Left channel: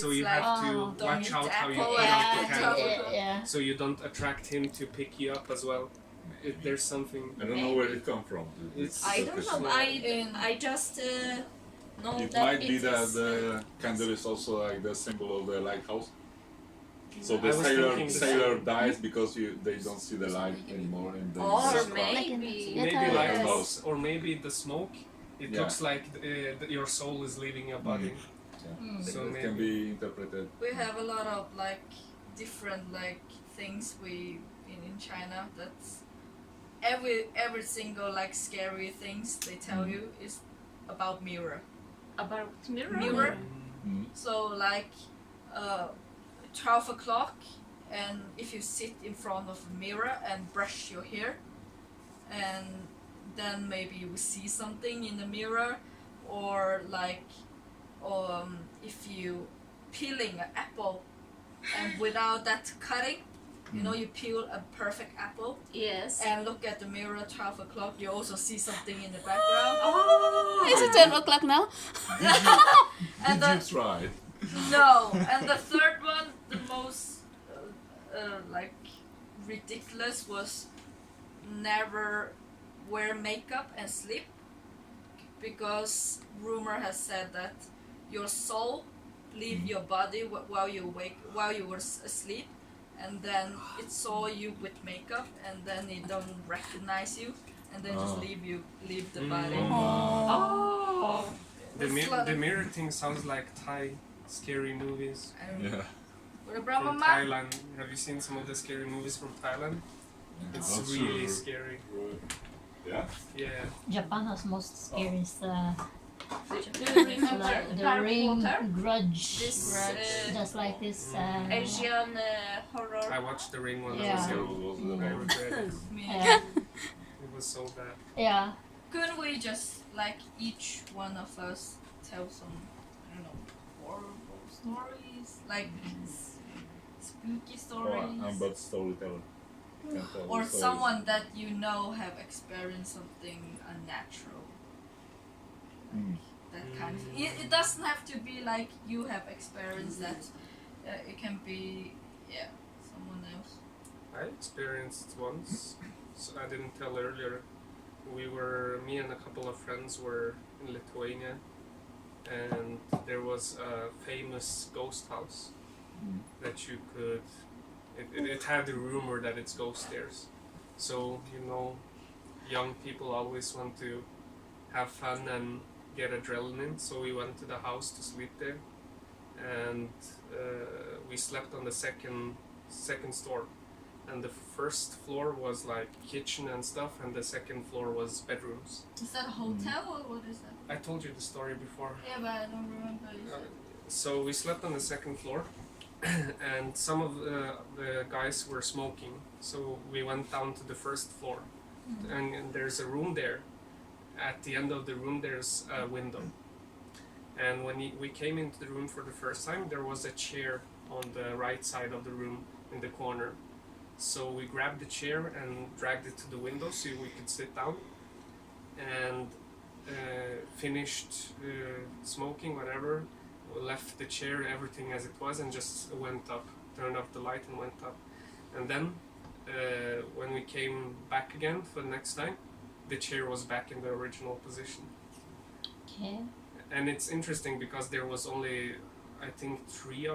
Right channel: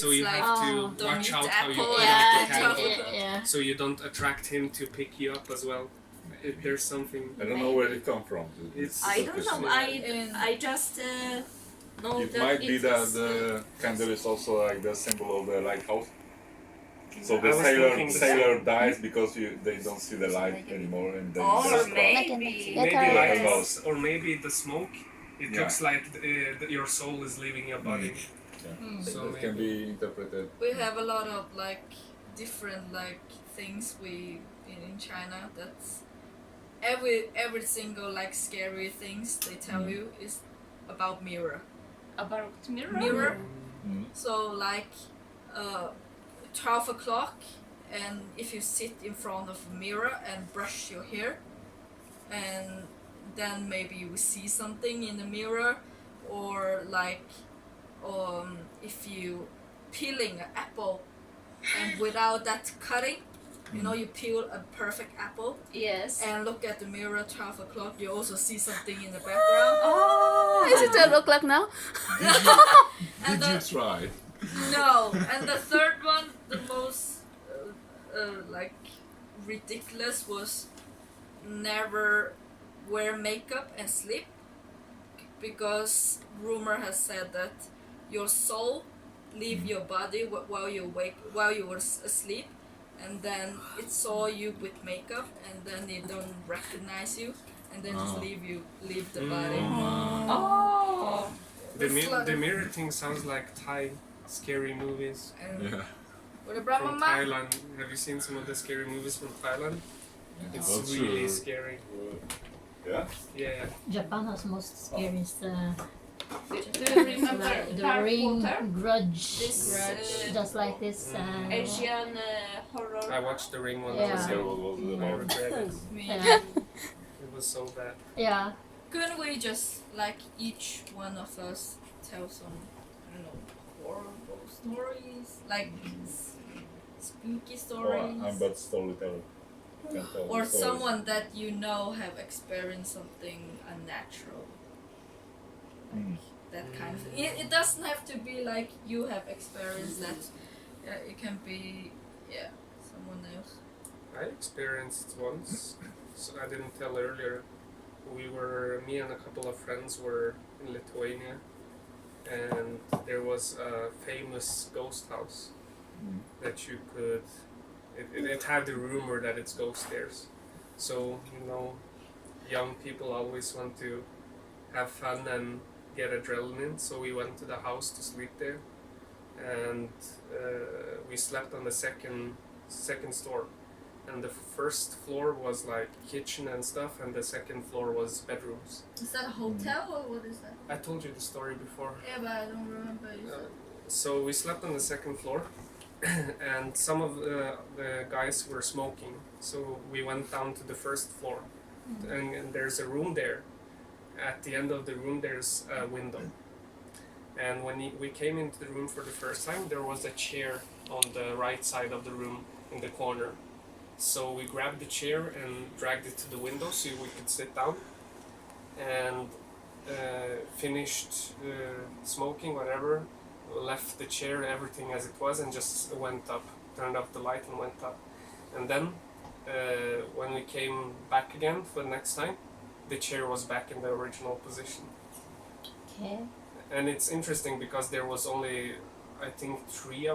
so you like, have to don't watch eat out how you apple put and out the the candle, chocolate. so you don't attract him to pick you up as well. There's something. I don't know where it come from. I don't know. I just know It that might be that is, the candle is also like the symbol of the lighthouse. So I the was thinking the sailor same. dies because they don't see the light anymore, and they or just maybe Maybe Yes. lighthouse, or maybe the smoke. It Yeah. looks like your soul is leaving your body. So that can be interpreted. We have a lot of like different like things in China. That's every single like scary things they tell you is about mirror. about mirror. Mirror. Mm. So like 12 o'clock, and if you sit in front of a mirror and brush your hair, and then maybe you will see something in the mirror, or like if you peeling an apple and without that cutting, you know, you peel a perfect apple Yes. and look at the mirror 12 o'clock, you also see something in the background. Oh. Is it 12 o'clock now? And Did you try? no, and the third one, the most like ridiculous, was never wear makeup and sleep, because rumor has said that your soul leave your body while you were asleep, and then it saw you with makeup, and then it don't recognize you, and then just leave the body. Oh. The mirror thing sounds like Thai scary movies And Yeah. with a from Brahma Thailand. Have you seen some of the scary movies from Thailand? It's Not really sure. scary. Yeah. Yeah. Japan has most scariest Do you remember like the Harry Ring, Potter? Grudge, This just like this. Asian horror. I watched The Ring when I Yeah. was young. What was the I most? regret it. me. Yeah, It was so bad. yeah. Couldn't we just like each one of us tell some, I don't know, horrible stories, like spooky stories, I'm but storyteller. Can tell or stories. someone that you know have experienced something unnatural, that kind of thing. It doesn't have to be like you have experienced that. It can be someone else. I experienced once, so I didn't tell earlier. Me and a couple of friends were in Lithuania, and there was a famous ghost house that you could. It had the rumor that it's ghost stairs, so you know, young people always want to have fun and get adrenaline. So we went to the house to sleep there, and we slept on the second store. And the first floor was like kitchen and stuff, and the second floor was bedrooms. Is that a hotel or what is that? I told you the story before. Yeah, but I don't remember. You said. So we slept on the second floor, and some of the guys were smoking. So we went down to the first floor, and there's a room there. At the end of the room, there's a window. And when we came into the room for the first time, there was a chair on the right side of the room in the corner. So we grabbed the chair and dragged it to the window so we could sit down, and finished smoking, whatever, left the chair, everything as it was, and just went up, turned off the light and went up. And then when we came back again for the next time, the chair was back in the original position. Okay. And it's interesting because there was only, I think, three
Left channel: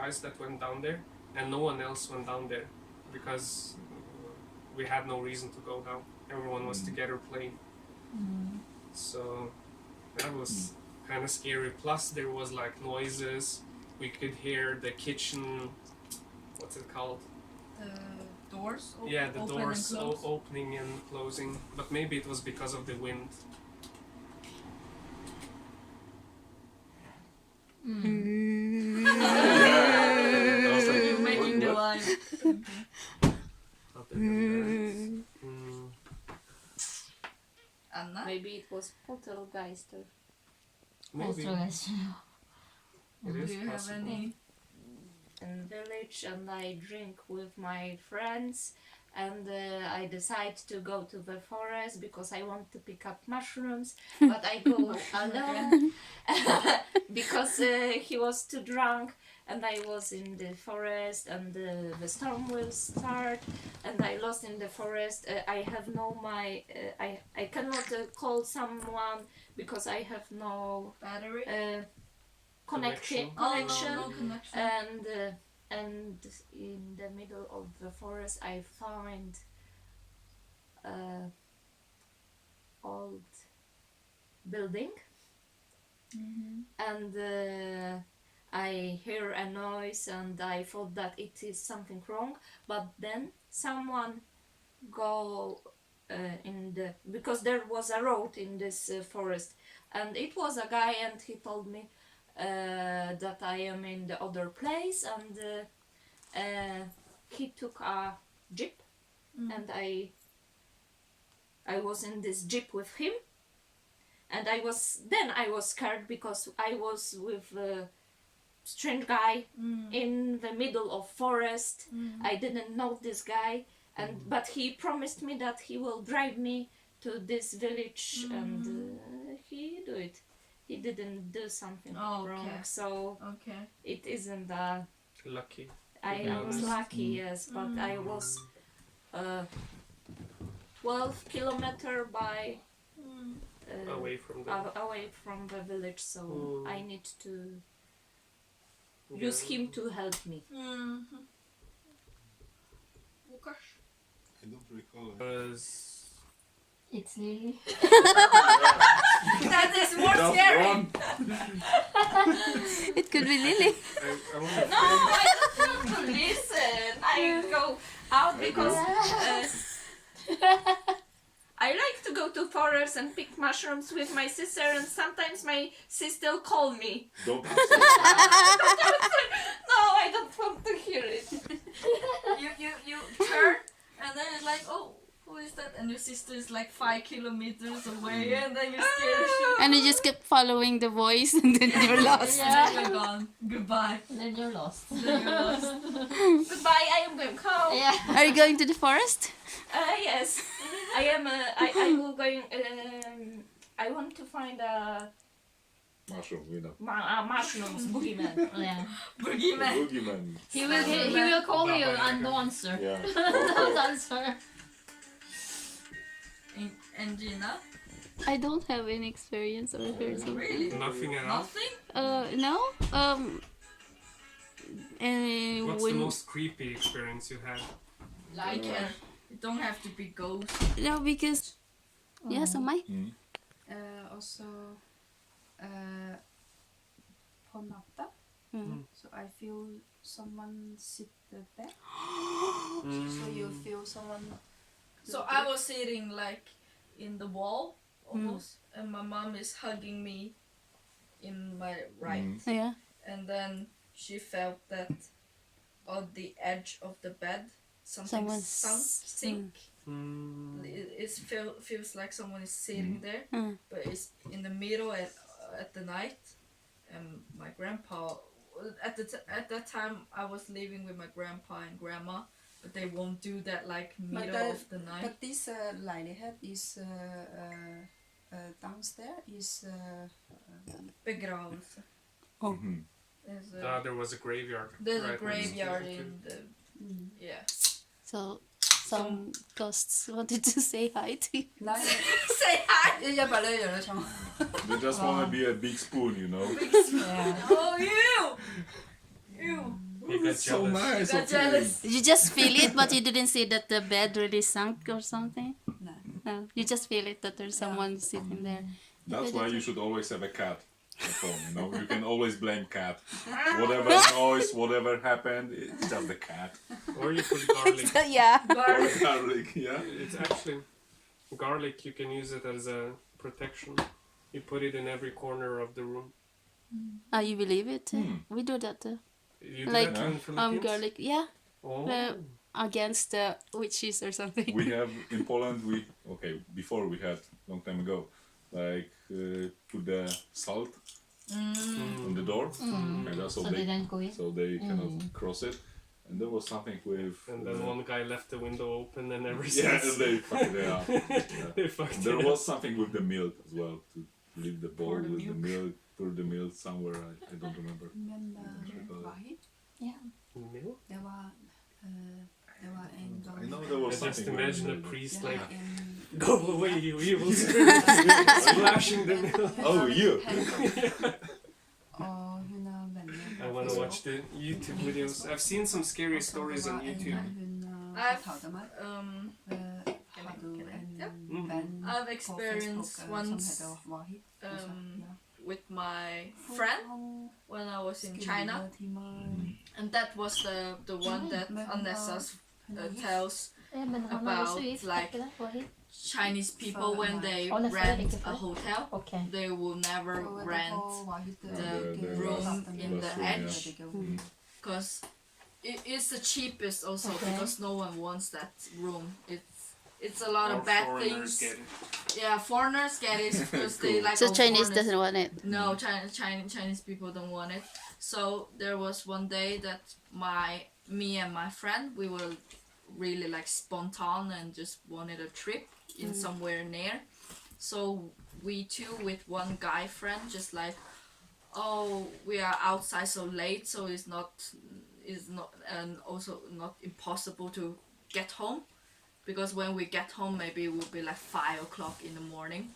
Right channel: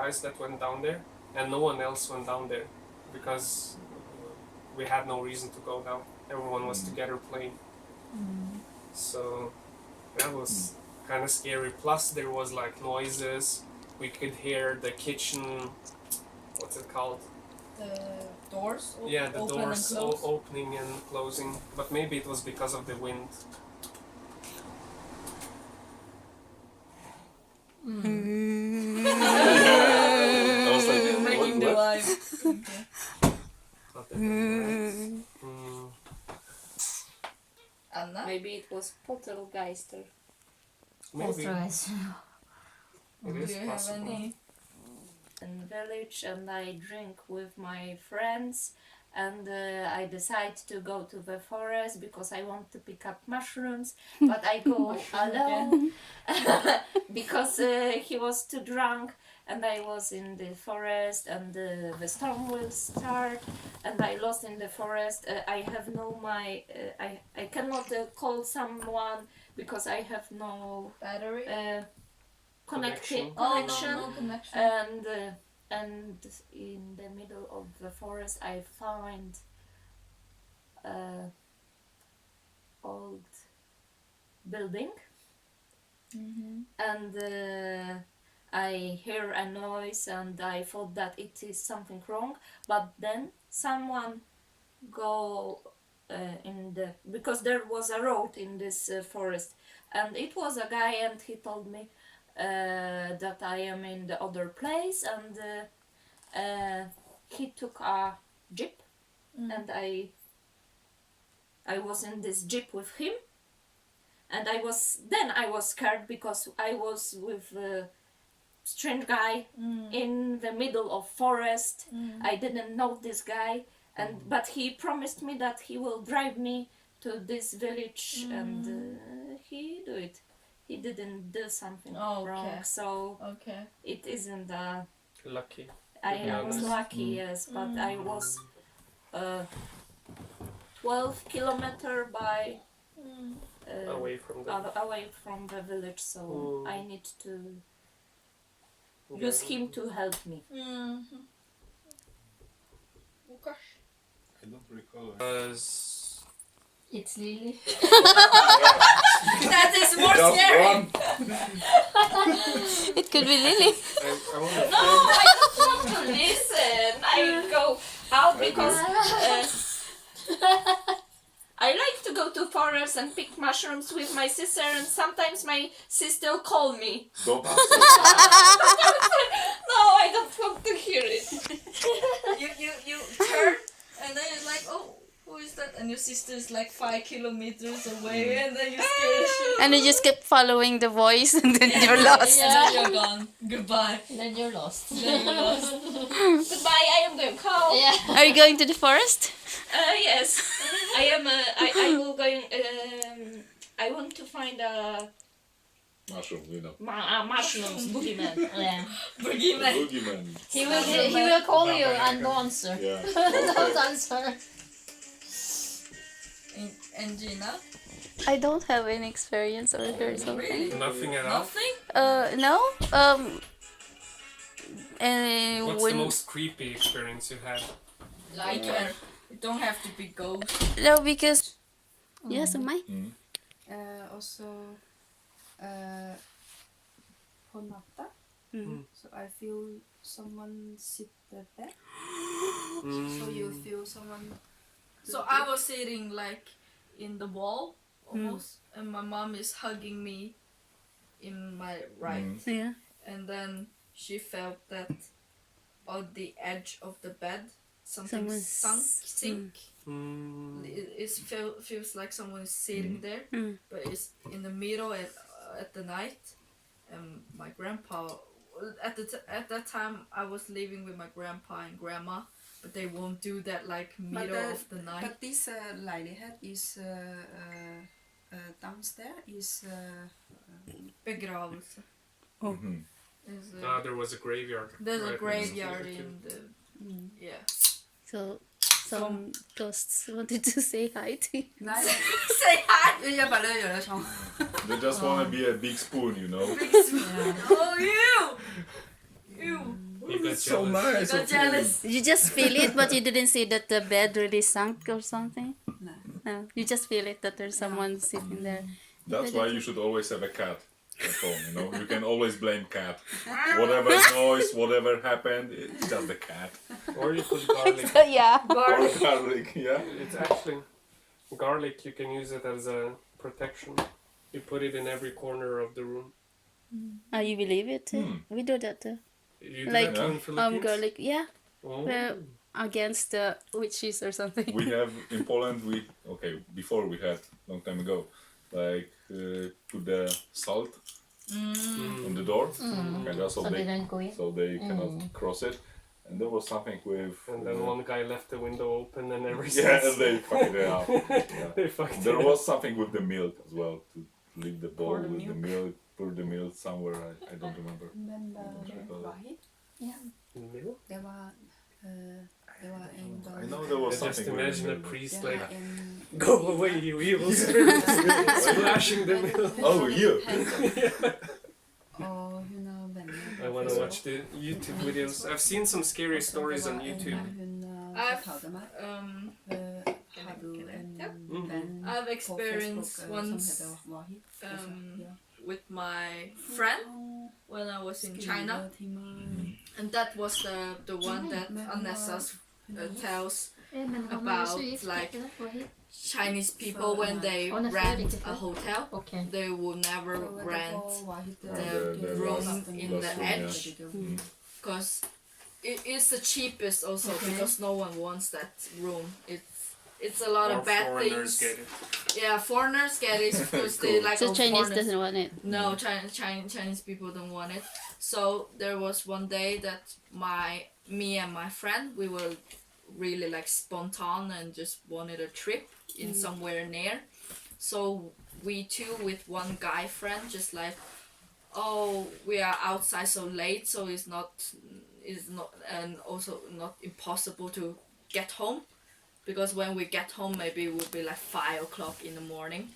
guys that went down there, and no one else went down there because we had no reason to go down. Everyone was together playing. So that was kind of scary. Plus there was like noises. We could hear the kitchen, what's it called? The doors. Yeah, the open doors and close. opening and closing. But maybe it was because of the wind. I was like, You're making the what? live. Not that nice. Anna. Maybe it was Poltergeister. That's Maybe right. it Do is you have possible. any? In village, and I drink with my friends, and I decide to go to the forest because I want to pick up mushrooms, but I go alone because he was too drunk, and I was in the forest, and the storm will start, and I lost in the forest. I have no I cannot call someone because I have no Battery. Connection. connection. No connection. And in the middle of the forest I find old building, and I hear a noise, and I thought that it is something wrong, but then someone go in the, because there was a road in this forest, and it was a guy, and he told me that I am in the other place, and he took a jeep, and I was in this jeep with him, and I was scared because I was with a strange guy in the middle of forest. I didn't know this guy, and but he promised me that he will drive me to this village, and he do it. He didn't do something wrong, so it isn't Lucky. I was lucky, yes, but I was 12 kilometers by Away from the away from the village, so I need to Yeah. use him to help me. Łukasz. I don't recall. It's Lily. That is more Just scary. one. It could be Lily. I want to No, I don't want to listen. I go out because I like to go to forest and pick mushrooms with my sister, and sometimes my sister call me. Don't answer. No, I don't want to hear it. You turn, and then it's like, oh, who is that? And your sister is like 5 kilometers away, and then you scare the shit. And you just keep following the voice and then you're lost. And then you're gone. Goodbye. Then you're lost. Then you're lost. Goodbye, I am going home. Yeah. Are you going to the forest? Yes, I am. I will going. I want to find a Mushroom, you know. mushrooms, boogeyman. Yeah. Boogeyman. Boogeyman. He will call you and don't answer. Yeah. Don't answer. And Gina? I don't have any experience or heard something. Really? Nothing at all. Nothing? No. What's the When most creepy experience you had? Like, it don't have to be ghost. no, because yes, am I? Also på natta. So I feel someone sit the bed. So you feel someone. So I was sitting like in the wall almost, and my mom is hugging me in my right, Yeah. and then she felt that on the edge of the bed something Someone sink. It feels like someone is sitting there, but it's in the middle at the night. And my grandpa, at that time I was living with my grandpa and grandma, but they won't do that like middle of the night. But this lejlighed is downstairs is Begravelse. There was a graveyard. There's a right graveyard next to in the yeah. So some ghosts wanted to say hi to you. Nei, Say hi. jeg bare gjør det sånn. They just want to be a big spoon, you know. Oh you. You got So jealous. nice. Got of jealous. You just feel it, but you didn't see that the bed really sunk or something. No. No, you just feel it that there's someone sitting there. That's why you should always have a cat at home, you know. You can always blame cat. Whatever noise, whatever happened, it's just the cat. Or you put garlic. Yeah. Garlic, yeah. It's actually garlic. You can use it as a protection. You put it in every corner of the room. Oh, you believe it? We do that too. You do Like, that too in Philippines? garlic. Yeah. Oh. Well, against the witches or something. We have in Poland. Before we had long time ago, like put the salt on the door, and that's So they don't go in. so they cannot cross it. And there was something with. And then one guy left the window open, and ever Yeah, since and they fucked it up. Yeah. they fucked There it was something with the milk as well, to leave the bowl Pour the with the milk. milk, pour the milk somewhere. I don't remember. Men Okay. Wahid, in the middle. det var en gang. I know there was I just something with the imagine a milk. priest Det like, var en go away, you evil spirit, splashing the milk. Oh, you! Og hun er venner. I want to watch the YouTube videos. I've seen some scary stories on YouTube. Hun I've fortalte meg. Har du en Ja. venn I've på experienced Facebook once som heter Wahid? Og så, ja. with my friend when I was in China, and that was the one that Anessa tells Men han er about, så gift, like, ikke det? Wahid? Chinese people when they Honestly, rent it's a good. hotel, Okay. they will never rent the room in the bathroom, yeah. edge, because it is the cheapest also, Okay. because no one wants that room. It's a lot Or of bad foreigners things. get it. Yeah, foreigners get it because they like. So oh, Chinese foreigners- doesn't want it. No, Chinese people don't want it. So there was one day that me and my friend, we were really like spontaneous and just wanted a trip in somewhere near. So we two with one guy friend just like, oh, we are outside so late, so it's not and also not impossible to get home. Because when we get home, maybe it will be like 5 o'clock in the morning.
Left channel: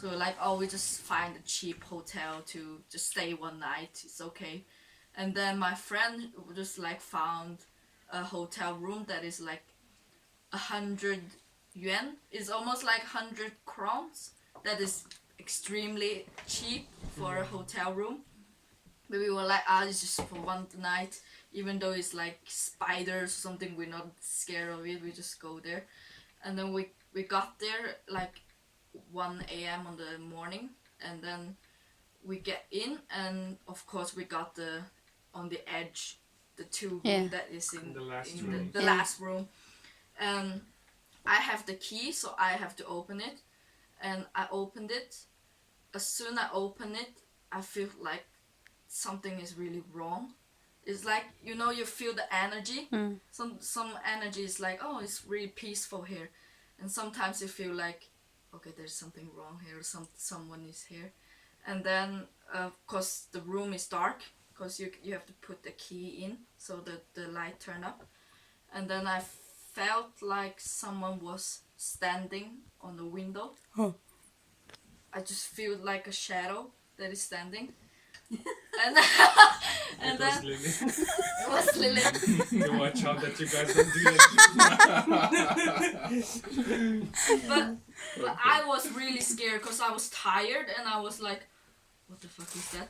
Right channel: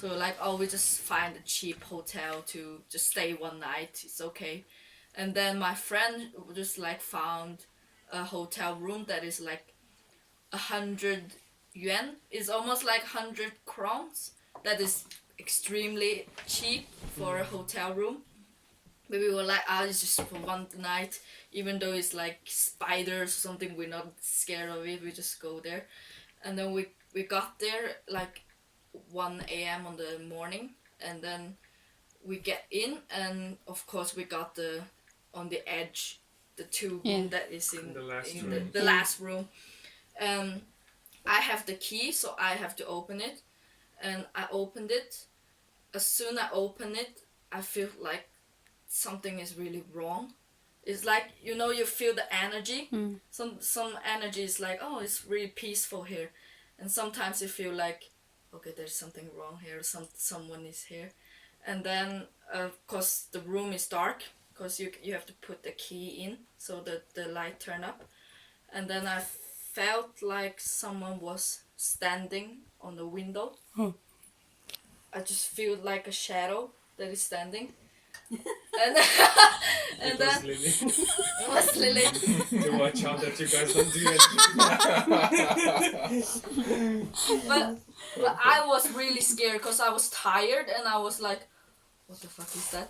So like, oh, we just find a cheap hotel to just stay one night. It's okay. And then my friend just like found a hotel room that is like 100 yuan. It's almost like 100 crowns. That is extremely cheap for a hotel room. But we were like, it's just for one night. Even though it's like spiders or something, we're not scared of it. We just go there. And then we got there like 1 a.m. on the morning. And then we get in. And of course we got on the edge, the two room that is in The last in room. the last room. I have the key, so I have to open it. And I opened it. As soon as I open it, I feel like something is really wrong. It's like, you feel the energy. Some energy is like, oh, it's really peaceful here. And sometimes you feel like, okay, there's something wrong here. Someone is here. And then, of course, the room is dark. Because you have to put the key in so that the light turn up. And then I felt like someone was standing on the window. I just feel like a shadow that is standing. And It was Lily. it was Lily. To watch out that you guys don't do it. But I was really scared because I was tired and I was like, what the fuck is that?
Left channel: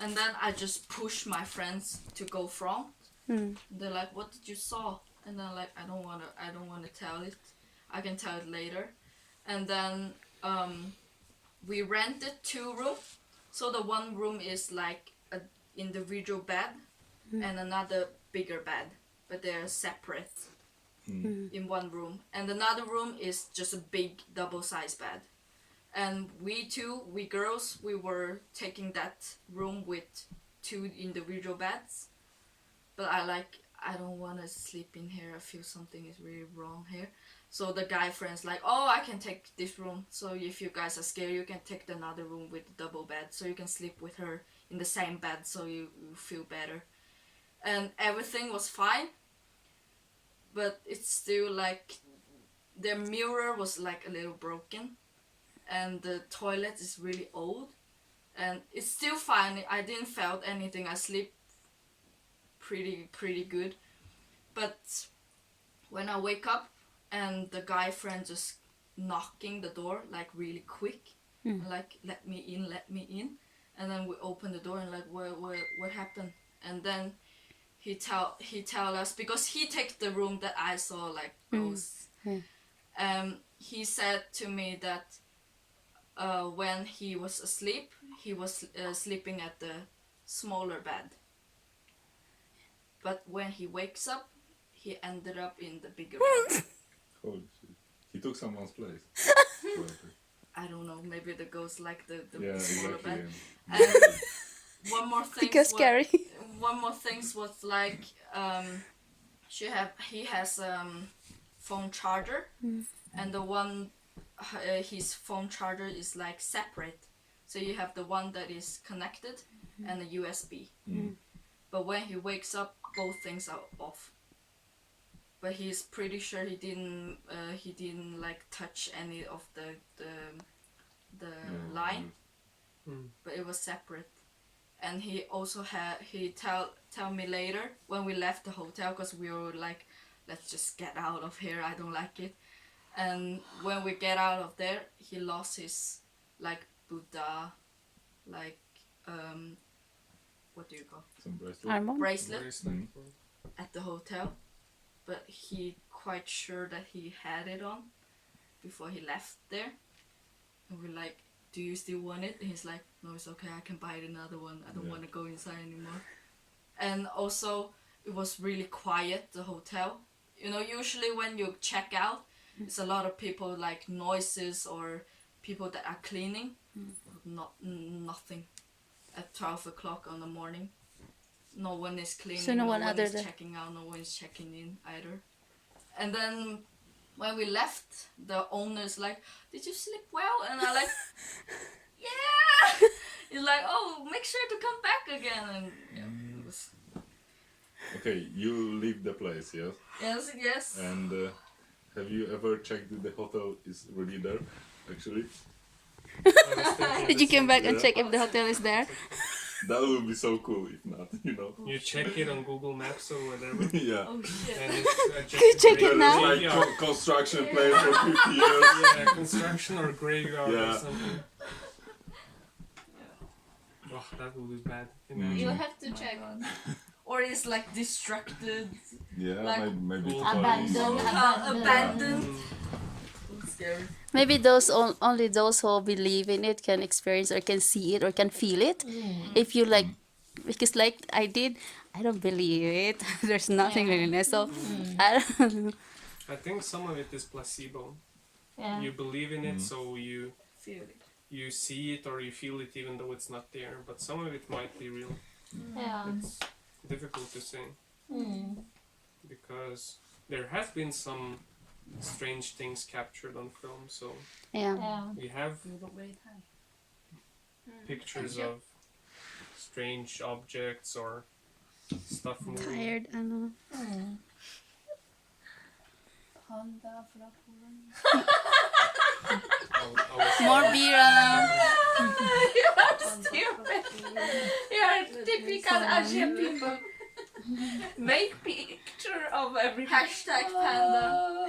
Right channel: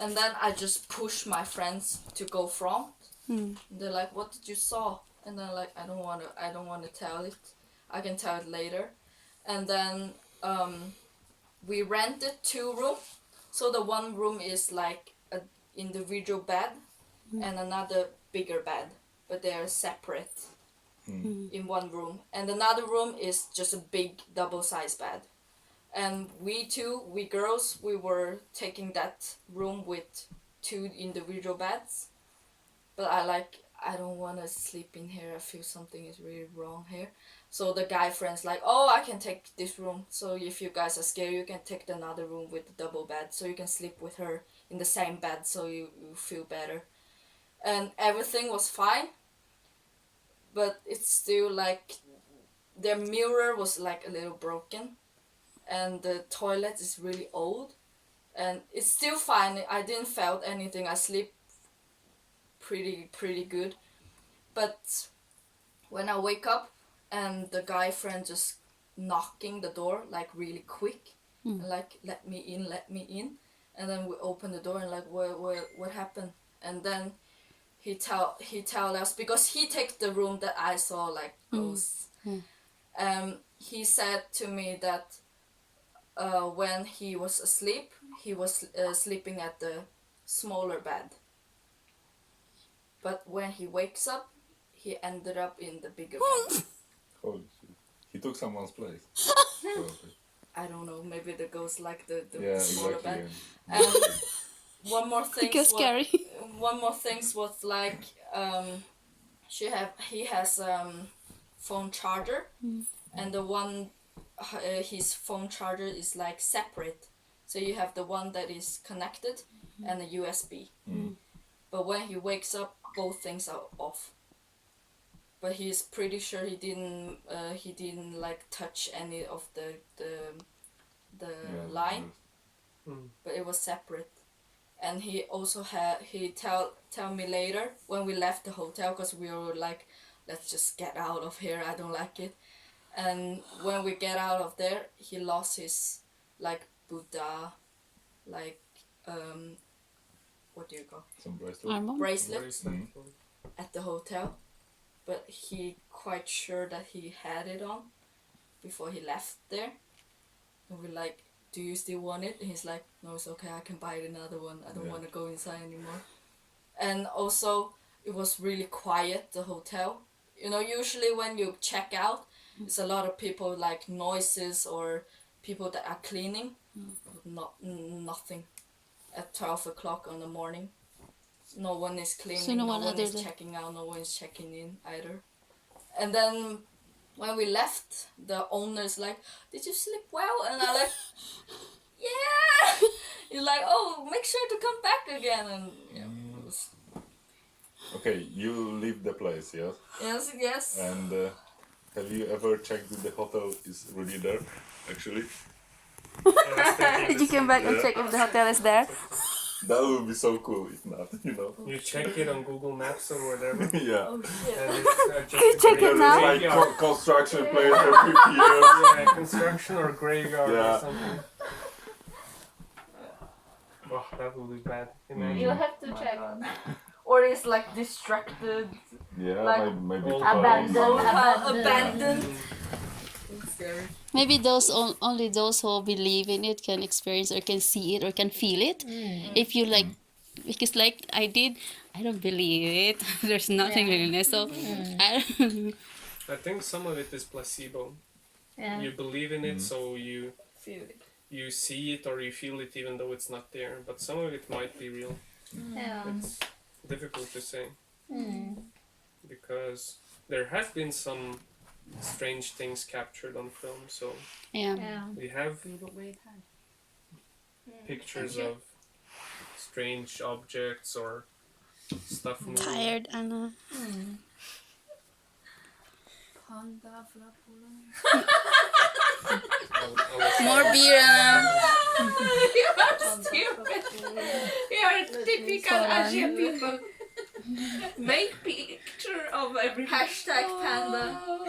And then I just pushed my friends to go front. They're like, what did you saw? And then like, I don't wanna tell it. I can tell it later. And then we rented 2 rooms. So the one room is like an individual bed and another bigger bed, but they're separate in one room. And another room is just a big double-sized bed. And we girls, we were taking that room with 2 individual beds. But I don't want to sleep in here. I feel something is really wrong here. So the guy friend's like, oh, I can take this room. So if you guys are scared, you can take another room with the double bed. So you can sleep with her in the same bed so you feel better. And everything was fine. But it's still like, their mirror was like a little broken. And the toilet is really old. And it's still fine. I didn't felt anything. I sleep pretty good. But when I wake up, and the guy friend just knocking the door like really quick, and like let me in, and then we open the door and like what happened? And then he tell us, because he take the room that I saw like ghosts. He said to me that when he was asleep, he was sleeping at the smaller bed. But when he wakes up, he ended up in the bigger bed. Holy shit. He took someone's place. I don't know, maybe the ghost like the Yeah, smaller exactly. bed. And one more thing Because scary. one more thing was like he has phone charger, and the one his phone charger is like separate. So you have the one that is connected and a USB. But when he wakes up, both things are off. But he's pretty sure he didn't like touch any of the line. But it was separate. And he also tell me later when we left the hotel, because we were like, let's just get out of here, I don't like it. And when we get out of there, he lost his like Buddha, like what do you call Some bracelet. Armband? bracelet Bracelet. at the hotel, but he quite sure that he had it on before he left there. And we're like, do you still want it? And he's like, no, it's okay, I can buy another one, I don't want to go inside anymore. And also it was really quiet, the hotel. You know, usually when you check out, it's a lot of people, like noises or people that are cleaning. Nothing at 12 o'clock in the morning. No one is cleaning, So no one one other is than- checking out, no one is checking in either. And then when we left, the owner is like, did you sleep well? And I'm like, yeah. He's like, oh, make sure to come back again. And yeah, it was, Okay, you leave the place, yes? yes. And have you ever checked if the hotel is really there, actually? Did you come back and check if the hotel is there? That would be so cool if not, you know? You check it on Google Maps or whatever. Yeah. Oh shit. And it's Can you check it Because now? it's like construction place for 50 years. Yeah, construction or graveyard Yeah. or something. Oh, that would be bad. Imagine. You have to Oh my check. God. Or it's like distracted, Yeah, Like maybe old twice. abandoned. It's scary. Maybe those only those who believe in it can experience or can see it or can feel it. If you like, because like I did, I don't believe it. There's nothing really. So I don't. I think some of it is placebo. Yeah. You believe in it, so you Feel it. you see it or you feel it even though it's not there. But some of it might be real. Yeah. It's difficult to say Mm. because there has been some strange things captured on film. So Yeah. Yeah. we have pictures of strange objects or stuff moving. Tired, Anna. Mm. Panda fra Polen. More beer, Anna. You are stupid. You are typical Asian people. Make picture of every hashtag panda.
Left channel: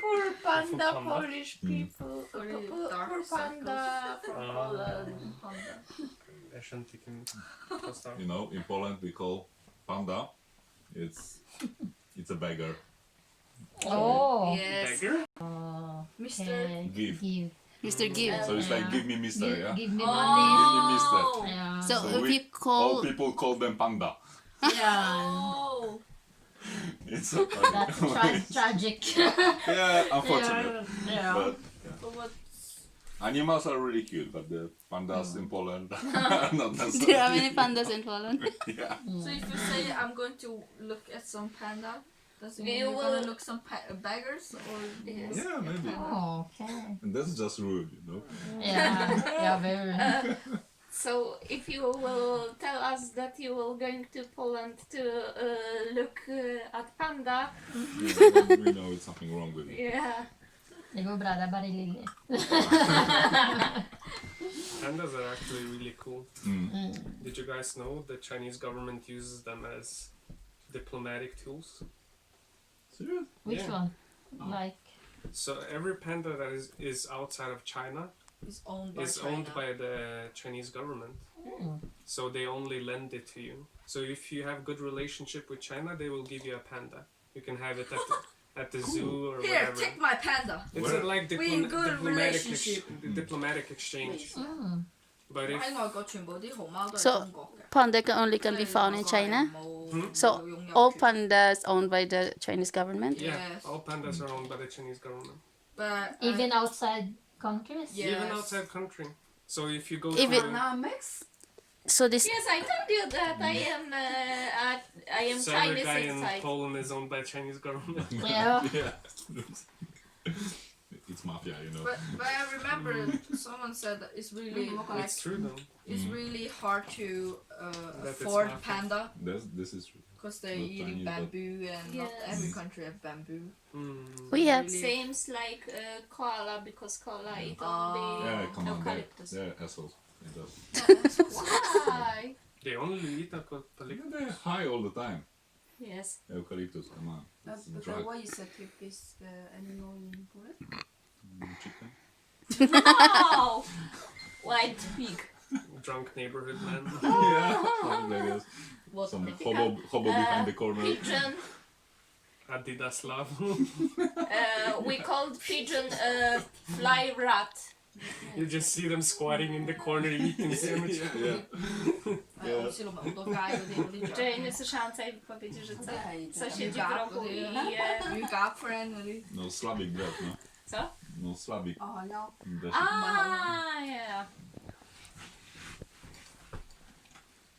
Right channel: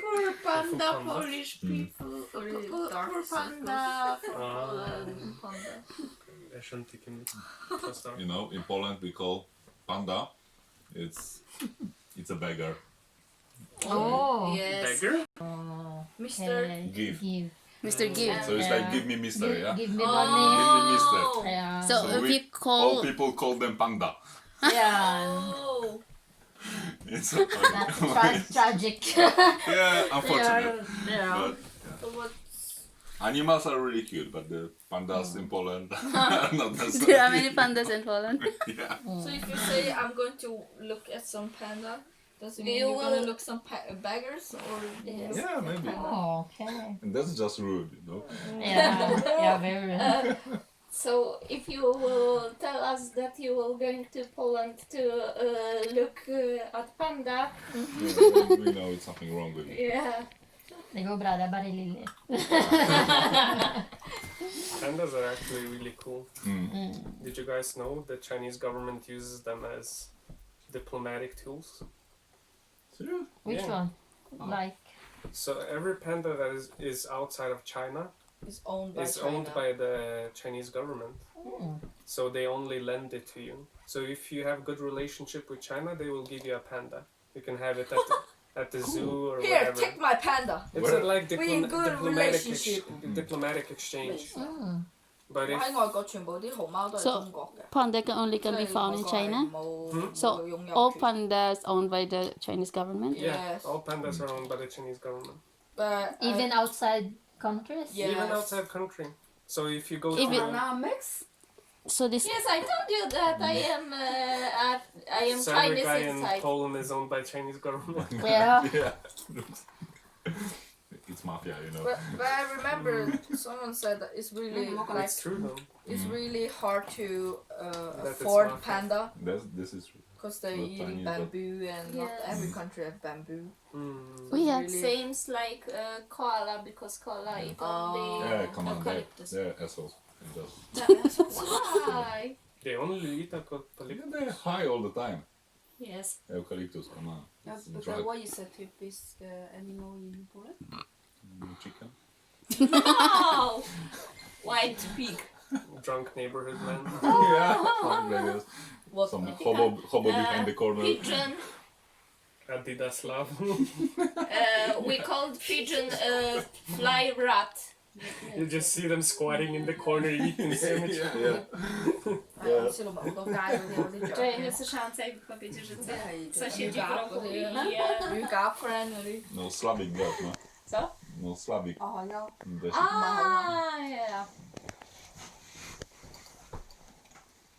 Poor panda, Panda. Polish people. Poor panda from Ah. Poland. I shouldn't take him. Trust our- You know, in Poland we call panda, it's a beggar. Oh. Yes. Beggar? Mr. Okay. Give. Mr. Give. So it's like, Yeah. give me mister, yeah? Give me Give money. me mister. Yeah. So So if we- you All call, people call them panda. Yeah. Oh. It's That's tragic. yeah, unfortunate. Yeah. But So what? animals are really cute, but the pandas in Poland are not that so there are many cute. pandas in Poland. Yeah. So if you say I'm going to look at some panda, does it mean You you're gonna will- look some beggars or you Yes. look Yeah, at maybe. panda? Oh, okay. And that's just rude, you know? Yeah. Yeah, very. So if you will tell us that you will going to Poland to look at panda, Yeah, then we know it's something wrong with it. yeah. Det går bra, det är bara lille. Pandas are actually really cool. Mm. Did you guys know the Chinese government uses them as diplomatic tools? Serious? Which Yeah. one? Like. So every panda that is outside of China It's owned by is China. owned by the Chinese government. So they only lend it to you. So if you have good relationship with China, they will give you a panda. You can have it at the zoo or Here, whatever. take my panda. It's a, like We in good relationship. diplomatic exchange. Mm. But if 喺外國全部啲熊貓都係 So- 中國嘅。 Panda can be found in China. So all pandas owned by the Chinese government. yeah, Yes. all pandas are owned by the Chinese government. But Even outside countries? Yeah. Even Yes. outside country. So if you go If to it- Dynamics. So this Yes, I told you that I am I am So every Chinese guy in inside. Poland is owned by Chinese government. Yeah. Yeah. It's mafia, you know. But I remember someone said that it's really like It's true though. it's really hard to That it's afford mafia. panda This is true. because they're Not eating Chinese, but- bamboo and not Yes. every country have bamboo. Mm. We have Really- Seems like koala because koala eat only Yeah, come on, eucalyptus. they're assholes. It does. Why? They only eat eucalyptus. Yeah, they're high all the time. Yes. Eucalyptus, come on. It's But drug. what is a typical animal in Poland? Chicken. No! White pig. Drunk neighborhood man. Yeah, something like this. What Some the- hobo behind the corner. Pigeon. Adidas love. We called pigeon fly rat. You just see them squatting in the corner eating sandwich. Yeah. A oni się lubią do gaju, Że nie słyszałam tej wypowiedzi, że co siedzi w rogu i je. You got friend, really? No Slavic that, no? Co? No Slavic. Oh, ja. That's Ah, yeah.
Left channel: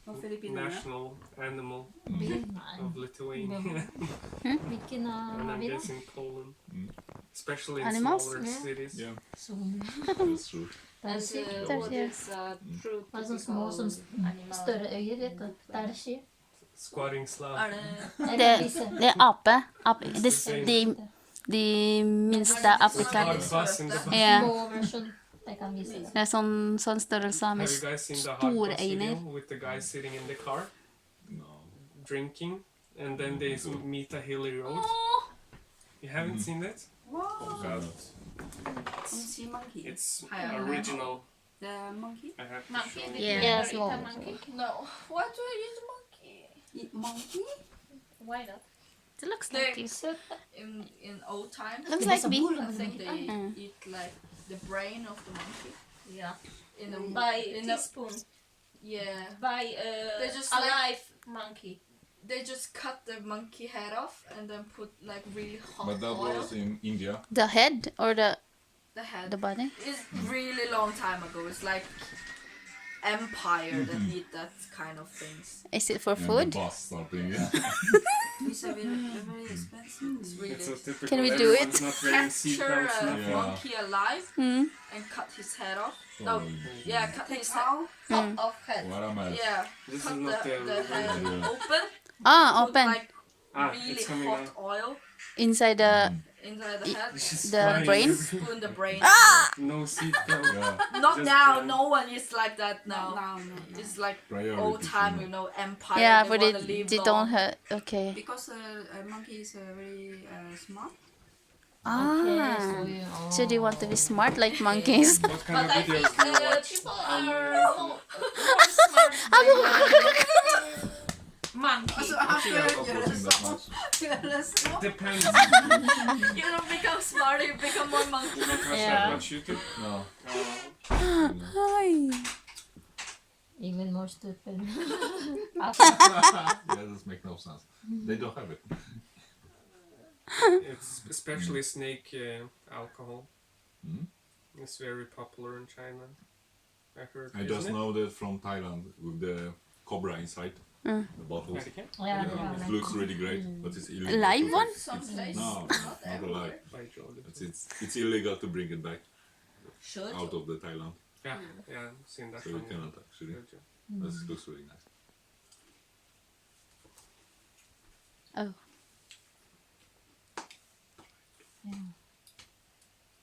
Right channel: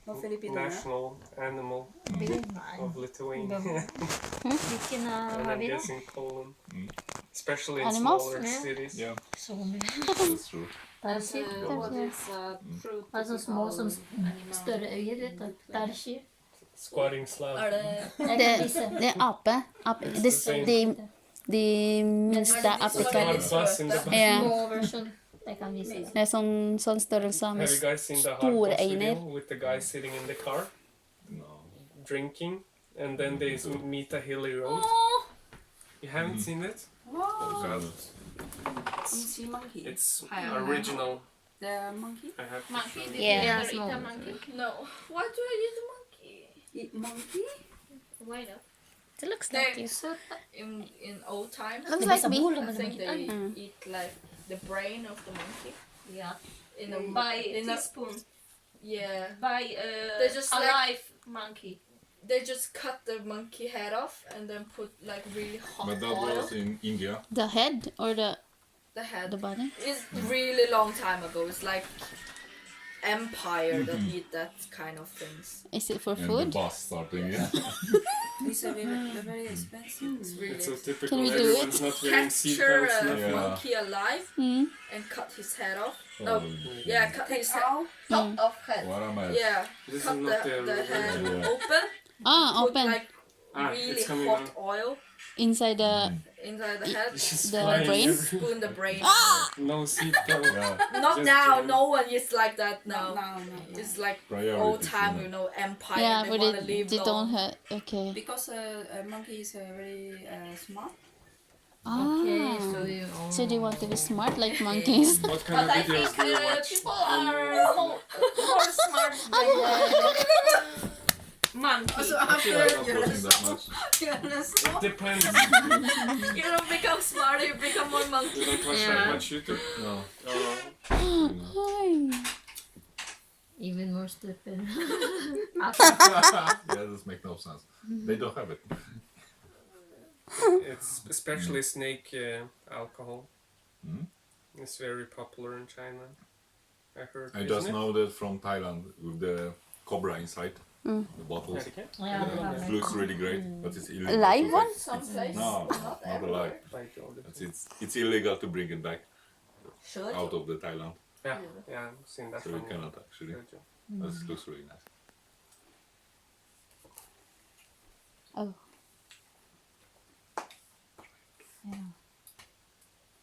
Och Filippinerna. National animal Big of Lithuania. Vilken And har I'm vi då? guessing Poland. Mm. Especially in Animals? smaller Yeah. cities. Yeah, Zoom. that's true. Tarsi. What is a true Alltså små som animal? större ögon, vet du. Tarsi. Squatting Slav. Är det... Jag Det, kan visa. det är ape. De minsta aporna. Bus in the bus. Ja. Små version. Jag kan visa. Det är sån størrelse Have med you guys seen the hard stora bus video øyne. with the guy sitting in the car No. drinking and then they meet a hilly road? You haven't seen it? Wow! God. Sea monkey. It's I don't know. original. The monkey? I have to Monkey? show Did you. Yeah. you Yeah, ever eat small. a monkey? No. Why do I eat a monkey? Eat monkey? Why not? It looks like They- you. In old times, Looks Det like är me. boll I med think they Mm. eat like the brain of the monkey. Yeah. In a By in a teaspoon. yeah. By They just like- alive monkey. They just cut the monkey head off and then put like really hot But that oil. was in India. The head or the The head. body? It's really long time ago. It's like empire that eat that kind of things. Is it for And food? the bus starting, yeah. It's a very expensive. It's It's really so typical. Can we do Everyone's it? not wearing capture seatbelts. a now. Yeah. monkey alive Mm. and cut his head off. Oh, No, yeah, cut his head. Cow? Top off head. What am I? Yeah, This cut is not the head Yeah. open. Ah, Put open like really it's coming hot out. oil inside the. inside the head. Just The flying brain? everywhere. Spoon the brain. No seatbelt. Yeah. Not Just now. jam. No one is like that now. No. It's like Priorities, old time, you you know, empire. Yeah, they but wanna live they long. don't have. Okay. Because a monkey is very smart. Okej, Ah. så ju. So do you want to be smart like monkeys? What kind But of I think videos do you watch? people are more smart than monkey. Alltså, Actually, I'm not watching that much. It depends. You don't become smarter, you become more monkey. You don't watch Yeah. that much YouTube? No. No. Even more stupid. Yeah, this makes no sense. They don't have it. It's especially snake alcohol. Mm. It's very popular in China. I heard. I isn't just it? know that from Thailand with the cobra inside the bottles. Vet ikke. Ja, det var It väl- looks really great, but it's illegal. Live to one? take- Some places, No, not not everywhere. alive. By Jordan. It's illegal to bring it back Should out of the Thailand, Yeah, yeah, I've seen that so you one. cannot actually. Good job. But it looks really nice. Oh.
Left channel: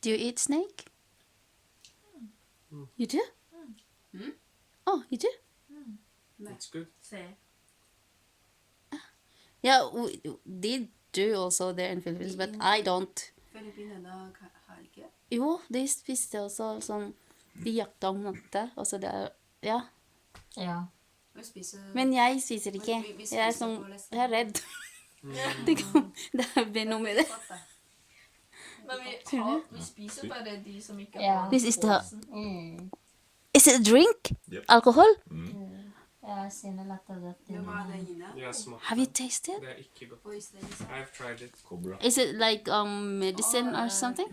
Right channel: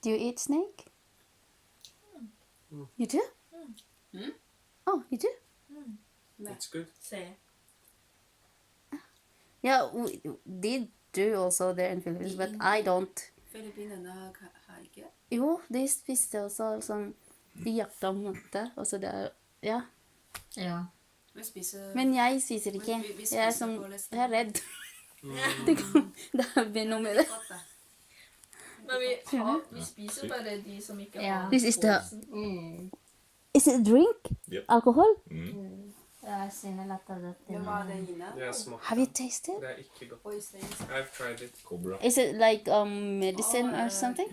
Do you eat snake? You do? Oh, you do? It's good. say. Yeah, we did do also there in Philippines, but I don't. Filippinerna har ikke. Jo, de spiste også sånn. De jakta om natta, og så det ja. Ja. Vi spiser Men jeg spiser ikke. Vi Jeg er spiser sånn på resten. Jeg er redd. Det blir noe med det. Men vi spiser bare de som ikke Ja. har This is the- posen. Mm. Is it a drink? Yep. Alcohol? Mm. Ja, sen är lättare att Det var det inne. Yeah, smak. Have you tasted? Det er ikke godt. Og i stedet I've tried it. Cobra. Is it like medicine or something?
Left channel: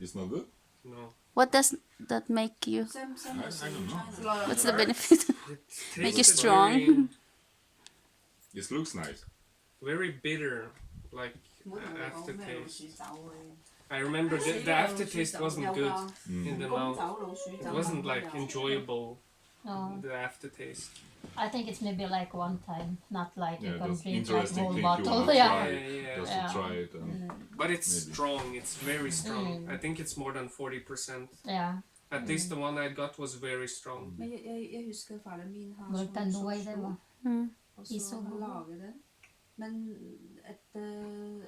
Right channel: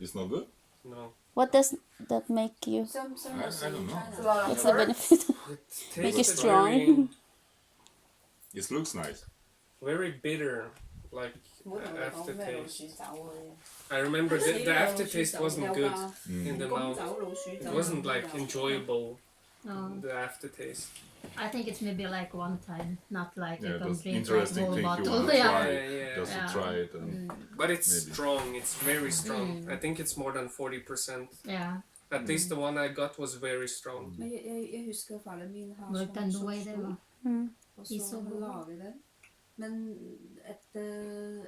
It's not good. No. What does that make you? Some I don't know. It's a lot of What's the herbs. benefit? It Make you tasted strong. very- It looks nice. Very bitter, like aftertaste. I remember the aftertaste wasn't good in the mouth. It wasn't like enjoyable. The aftertaste. I think it's maybe like one time, not like you Yeah, can that's drink like interesting whole thing you bottle. want to Yeah. try. Yeah. Just Yeah. to try it. And But it's Maybe. strong. It's very strong. I think it's more than 40%. Yeah. At least the one I got was very strong. Men jeg husker faren min har Well, sånn then the way they sopstol, were. og I så så han god. lager den. Men etter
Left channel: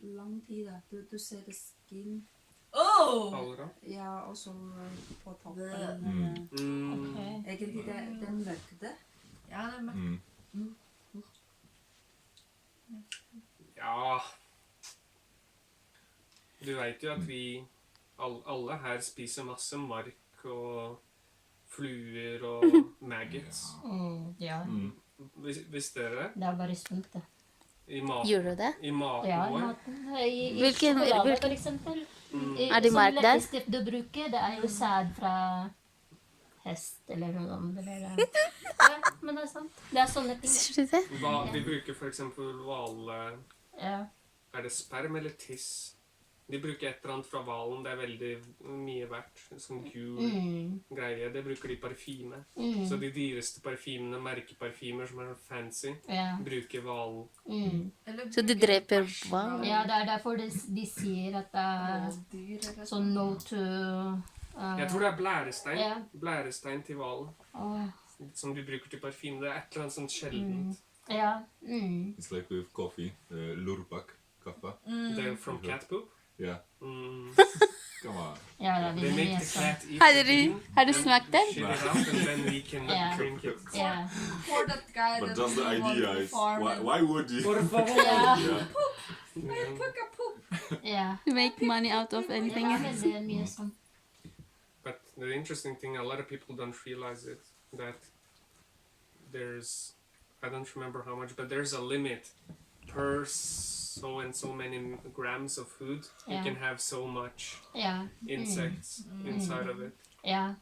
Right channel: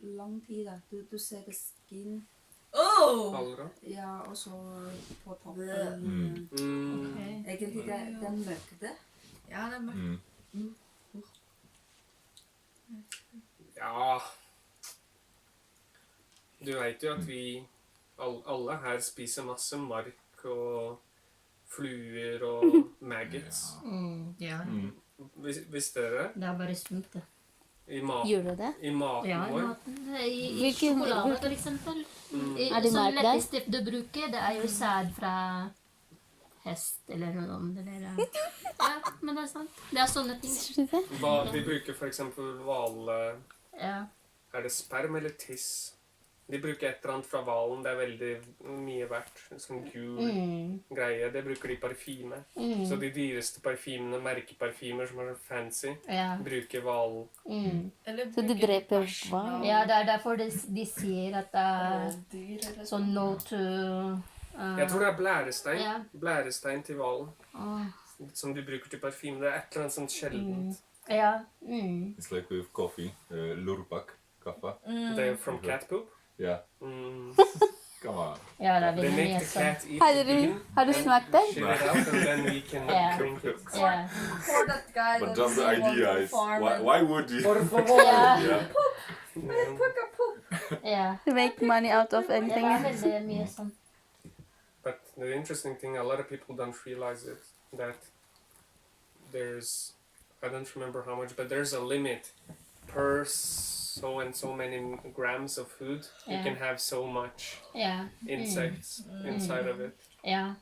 lang tid, da, du ser det skin, Oh! Faller av. ja, og så på toppen. Okay. Egentlig det møkte. Ja, det er mørkt. Ja. Du vet jo at vi alle her spiser masse mark og fluer og maggots. Ja. Visste dere det? Det er bare sunt, det. I Gjør du det? maten Ja, i vår. maten. I Hvilken- sjokolade, hvilken- for eksempel. Er det Sånn merk der? letteste du bruker, det er jo sæd fra hest eller noe sånt. Eller, ja, men det er sant. Det er sånne ting. Sier du det? Vi bruker for eksempel hvale... Ja. Er det sperm eller tiss? De bruker et eller annet fra hvalen. Det er veldig mye verdt. Sånn gul greie. Det bruker de i parfyme. Så de dyreste parfymene, merkeparfymer som er så fancy, Ja. bruker hval. Eller Så det bruker dreper bæsj hva? fra Ja, det er derfor de sier at det er dyr eller sånn no to Jeg tror det er blærestein. Ja. Blærestein til hvalen. Åh, Som du bruker til parfyme. Det er et eller annet sånt sjeldent. ja. it's like with coffee. Lurpak kaffe. Det er from cat poop. Yeah. Mm. Come on. Ja, det er They veldig make mye the sånn. cat eat Har the du, bean har du and smakt den? shit it out, and then we can Yeah. drink it. Ja. For that guy But that just the was on idea the is farm why, and why would you? Por favor! Ja. Yeah. Puka poop. Ja. To make money out of Det anything. var veldig mye sånn. But the interesting thing, a lot of people don't realize it, that there's, I don't remember how much, but there's a limit per so and so many grams of food. You Yeah. can have so much Ja. insects inside of it. Ja.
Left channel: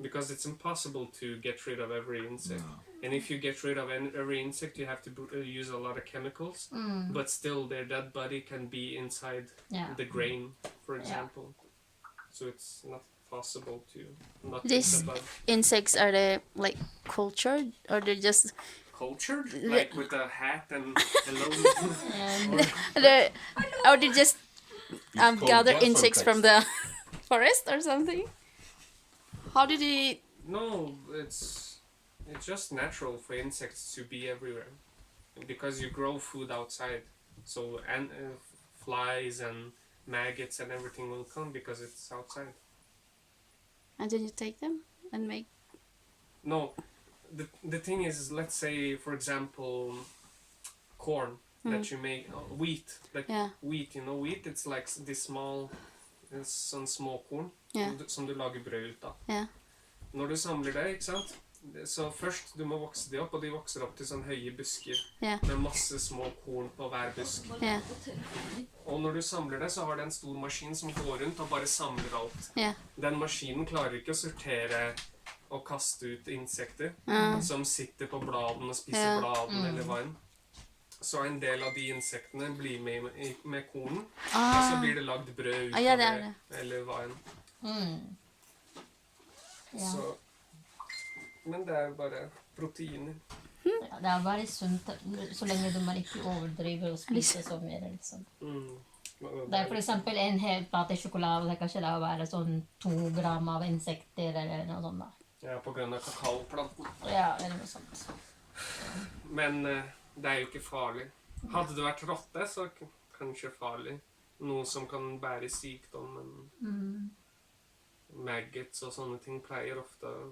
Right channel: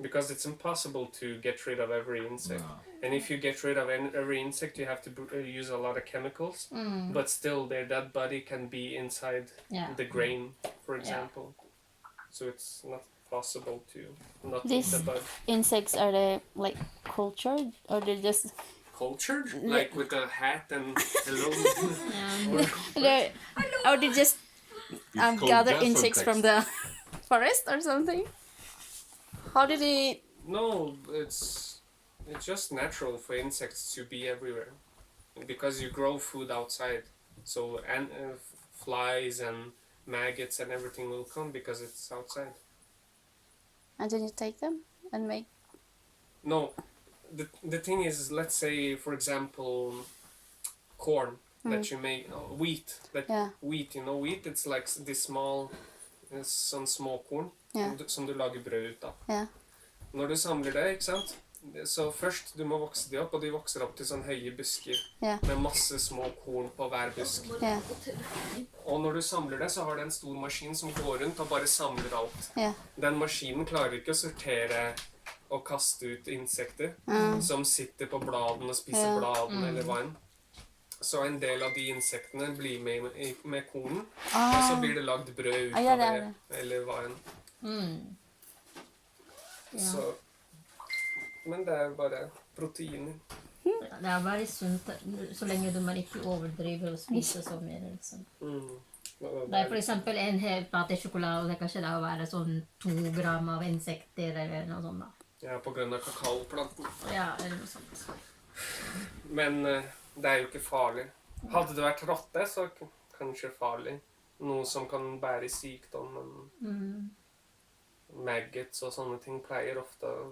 Because it's impossible to get rid of every insect. No. And if you get rid of every insect, you have to use a lot of chemicals. But still, their dead body can be inside Ja. the grain, for Yeah. example. So it's not possible to not This- eat the bud. Insects, are they like cultured or they're just Cultured? Like with a hat and hello? they're, or they just It's called gather gaffer insects from the forest or something? How did they? No, it's just natural for insects to be everywhere. Because you grow food outside. So flies and maggots and everything will come because it's outside. And then you take them and make. No, the thing is, let's say, for example, corn that you make, wheat. Yeah. Wheat, you know, wheat, it's like this small, sånn småkorn Yeah. som du lager brød ut av. Yeah. Når du samler det, ikke sant? Så først, du må vokse de opp, og de vokser opp til sånn høye busker Yeah. med masse små korn på hver busk. Yeah. Og når du samler det, så har det en stor maskin som går rundt og bare samler alt. Yeah. Den maskinen klarer ikke å sortere og kaste ut insekter som sitter på bladene og spiser Ja. bladene eller hva enn. Så en del av de insektene blir med kornen, og så blir det lagd brød ut Ja, av det er det, eller hva enn. Ja. Så, men det er bare proteiner. Det er bare sunt så lenge man ikke overdriver og spiser så mye. Liksom. Og Det er for eksempel en hel plate sjokolade, det kan ikke da være sånn 2 gram av insekter eller noe sånt da. Ja, på grunn av kakaoplanten. Ja, eller noe sånt. Men det er jo ikke farlig. Hadde det vært rotte, så kanskje farlig. Noe som kan bære sykdom, men maggots og sånne ting pleier ofte å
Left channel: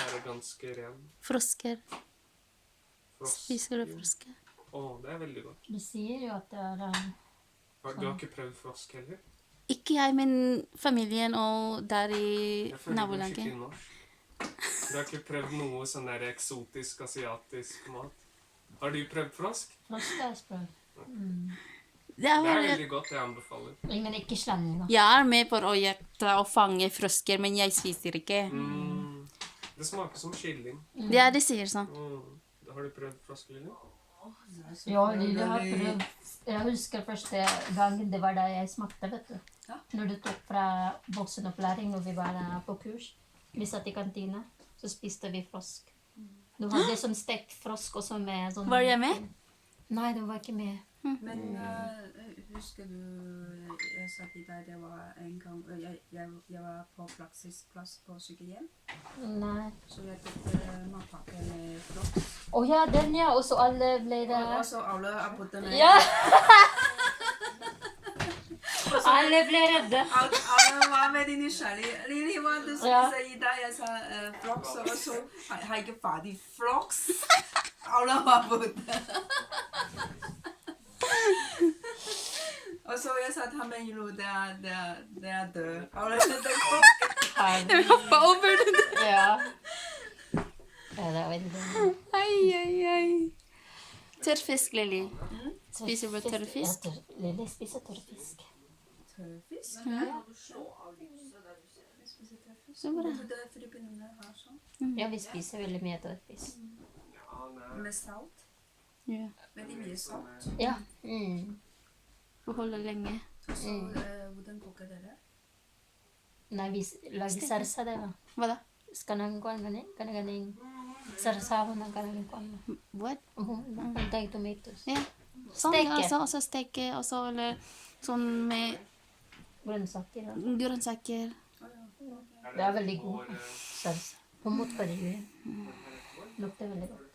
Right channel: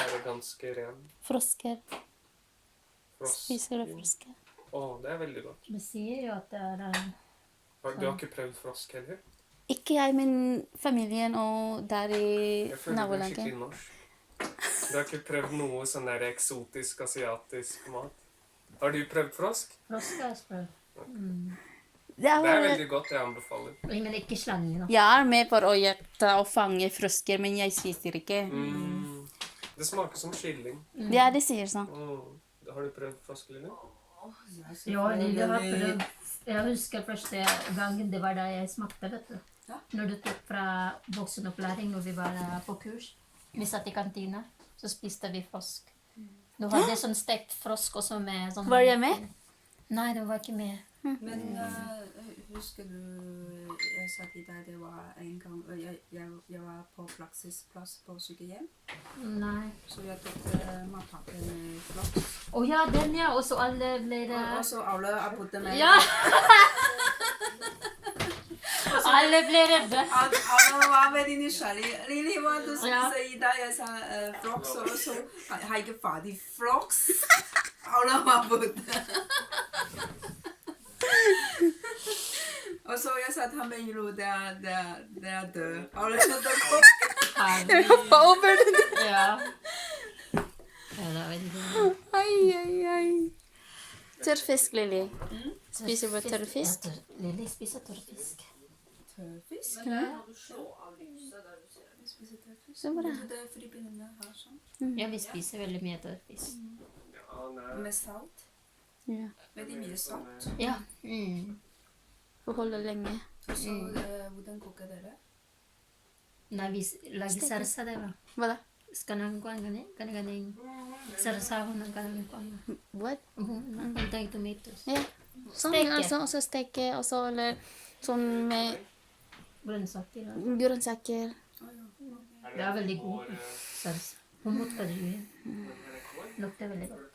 være ganske ren. Frosker. Frosk. Spiser du frosker? Å, det er veldig godt. Det sier jo at det er Du har ikke prøvd frosk heller? Ikke jeg, men familien og der i Jeg føler du er nabolaget. skikkelig norsk. Du har ikke prøvd noe sånn der eksotisk asiatisk mat? Har du prøvd frosk? frosk er spør. Det er Det er bare, veldig godt, jeg anbefaler. Men ikke slange da. jeg er med på å gjette og fange frosker, men jeg spiser ikke. Det smaker som kylling. Ja, de sier sånn. Har du prøvd froskeline? Ja, Lille har prøvd. Jeg husker første gangen det var da jeg smakte, vet du. Ja. Når du tok fra voksenopplæring når vi var på kurs. Vi satt i kantina, så spiste vi frosk. Du hadde sånn stekt frosk også med sånn... Var jeg med? Nei, du var ikke med. Men husker du jeg sa til deg det var en gang jeg var på praksisplass på sykehjem, Nei. så jeg tok matpakke med flaks. Ja, den ja, og så alle ble det... Og så alle har puttet med. Ja! Alle ble redde. Alle var veldig nysgjerrige. Lili, hva du Ja. spiser i dag? Jeg sa flaks, og så har jeg ikke ferdig flaks. Alle har puttet. Og så jeg sa til ham, Milo, det er død. Du hoppa over det. Ja. Ja, det var veldig... Ai. Tørrfisk, Lili. Spiser du tørrfisk? Lille spiser tørrfisk. Tørrfisk? Ja. Jeg spiser tørrfisk. Så bra. Det er Filippinene har sånn. Ja, vi spiser veldig mye tørrfisk. Med salt. Ja. Veldig mye salt. Ja. Og holder lenge. Og så hvordan koker dere? Nei, vi lager sarsa det, va? Hva da? Sekarang ko ang ganing sarsawan ng kanang ko. What? Ang tomatoes. Ja. Sånn, Steke. altså, og så steke, og så eller sånn med Grønnsaker. grønnsaker. Det er veldig god sarsa. Humot ka din. Lukter veldig godt.